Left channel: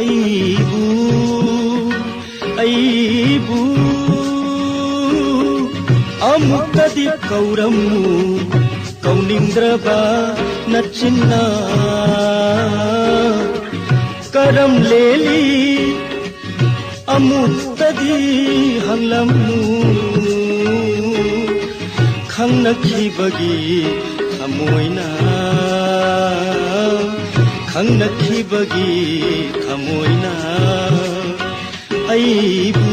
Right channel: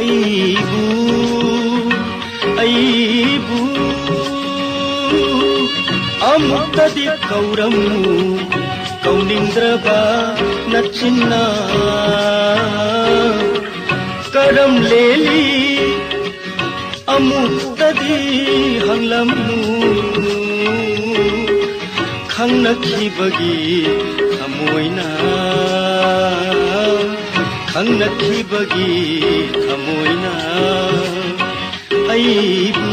ꯑꯩꯕꯨ ꯑꯩꯕꯨ ꯑꯃꯨꯛꯇꯗꯤ ꯀꯧꯔꯝꯃꯨ ꯀꯧꯅꯤꯡꯗ꯭ꯔꯕ ꯅꯆꯤꯟꯅ ꯀꯔꯝ ꯂꯦꯜꯂꯤ ꯑꯃꯨꯛꯇꯗꯤ ꯍꯪꯂꯝꯃꯨ ꯈꯪꯅꯈꯤꯕꯒꯤ ꯊꯃꯣꯏꯅ ꯈꯪꯅꯈꯤꯕꯒꯤ ꯊꯃꯣꯏꯅ ꯑꯩꯕꯨ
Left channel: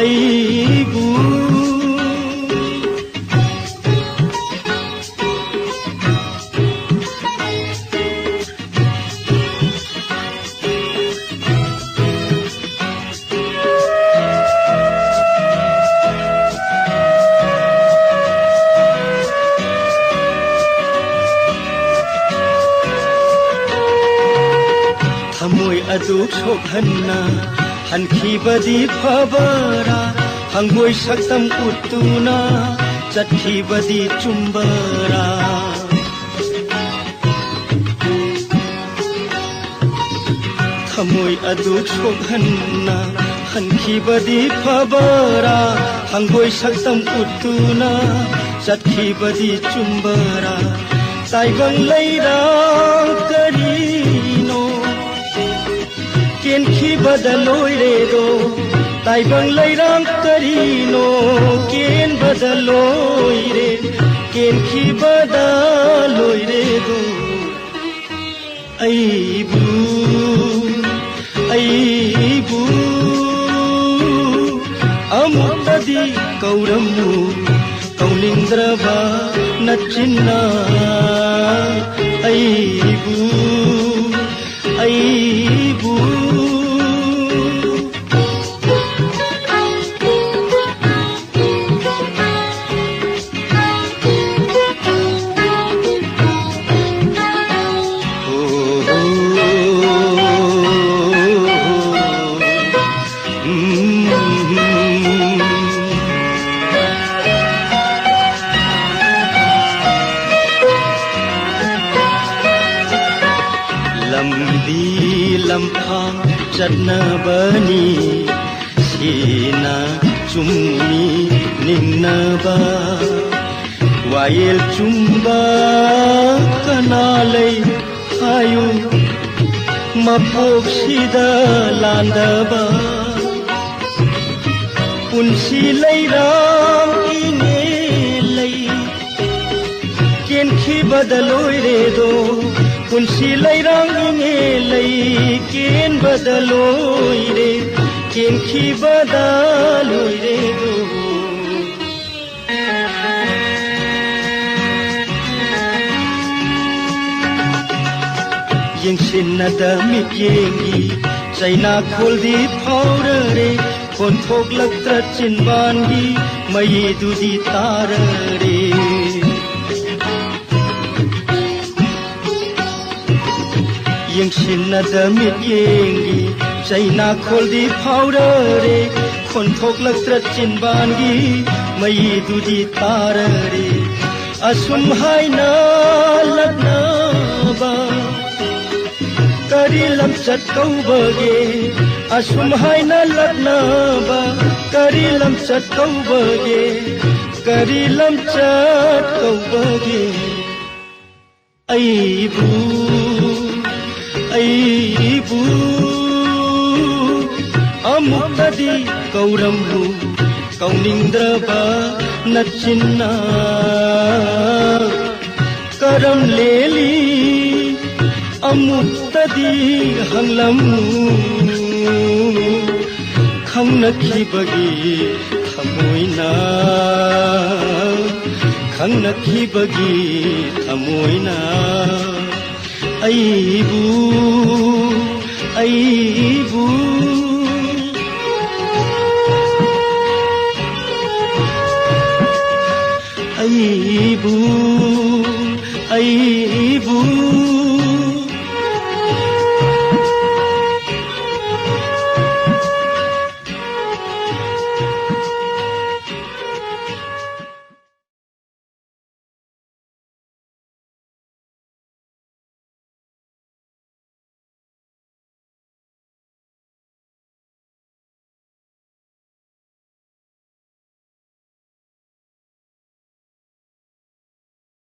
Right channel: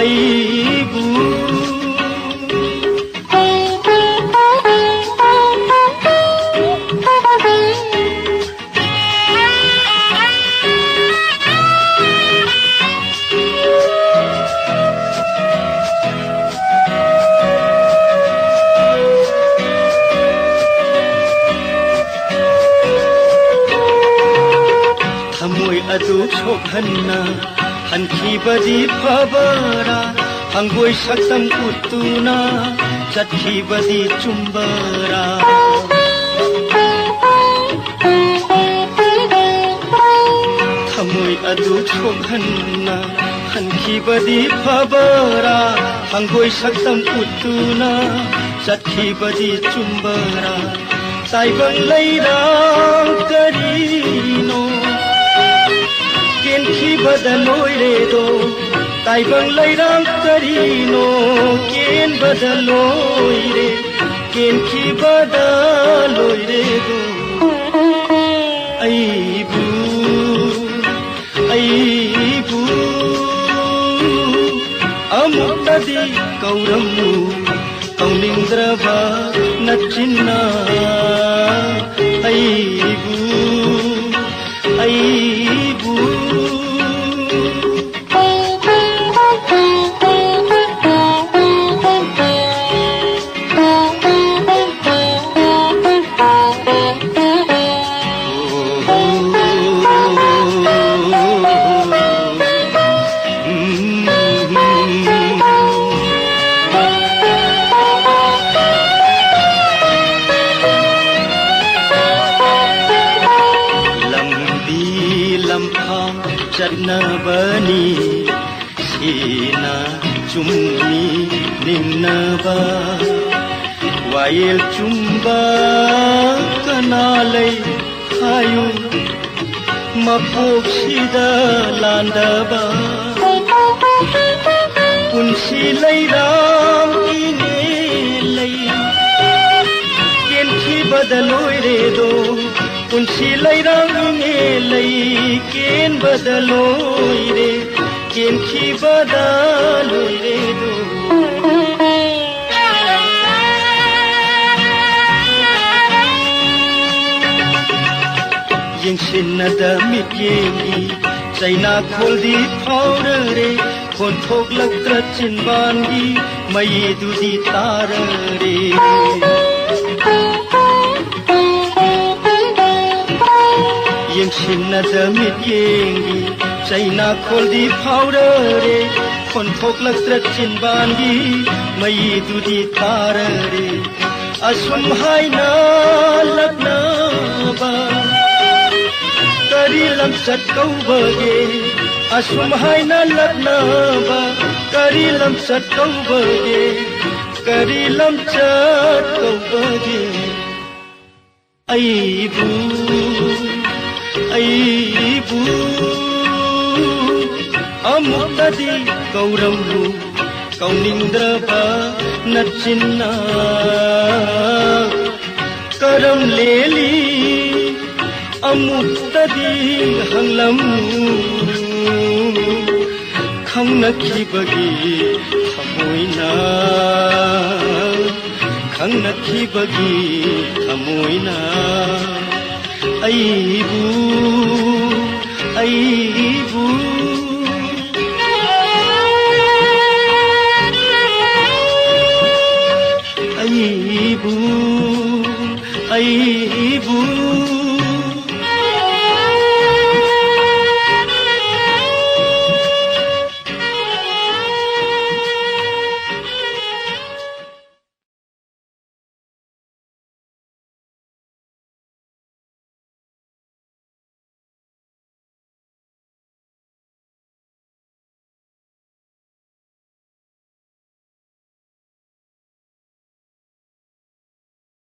ꯑꯩꯕꯨ ꯊꯃꯣꯏ ꯑꯗꯨ ꯁꯣꯛꯍꯟꯅ ꯍꯟꯈꯤꯕꯗꯤ ꯐꯕꯔꯥ ꯍꯪꯒꯣꯏ ꯁꯛꯇꯝ ꯎꯠꯇꯨꯅ ꯆꯠꯈꯤꯕꯗꯤ ꯆꯨꯝꯕꯔꯥ ꯊꯃꯣꯏ ꯑꯗꯨ ꯁꯣꯛꯍꯟꯅ ꯍꯟꯈꯤꯕꯗꯤ ꯐꯕꯔꯥ ꯍꯪꯒꯣꯏ ꯁꯛꯇꯝ ꯎꯠꯇꯨꯅ ꯆꯠꯈꯤꯕꯗꯤ ꯆꯨꯝꯕꯔꯥ ꯇꯥꯏꯕꯪ ꯂꯩꯔꯥꯡ ꯀꯔꯤꯅꯣ केनखिबदा लोइरेदो ताइबंग लैराम करिनो केनबदा लोइरे केनखिबदा लोइरेदो अइबु अइबु अमुक्तदि कौरम्मु कौनिंद्रबा नचिन्ना अइबु अइबु चन्नबनी सीना चुम्नी निन्नबा वायल चुम्बा कनालै हायु मपोक्सिदा लांदबा पुन्सी लैराम इनेलै केनखि बदलोइरेदो पुन्सी लैराम इनेलै केन बदलोइरे केनखि बदलोइरेदो यंसिन्नदा मित्येंगी चैना खोलदी फावररे खोन्थोक्लक्त्र चिनबानगी मयेदुदी ताररे यंसिन्नदा मित्येंगी चैना खोलदी फावररे खोन्थोक्लक्त्र चिनबानगी मयेदुदी ताररे असुम हायना लग्नबा करी लमचट कौबगे असुम हायना लग्नबा करी लमचट कौबगे करी लमचट कौबगे अइबु अइबु अमुक्तदि कौरम्मु कौनिंद्रबा नचिन्ना करम लेली अमुक्तदि हंगलम्मु खंगनखिबगी थमोइना खंगनखिबगी थमोइना अइबु अइबु अइबु अइबु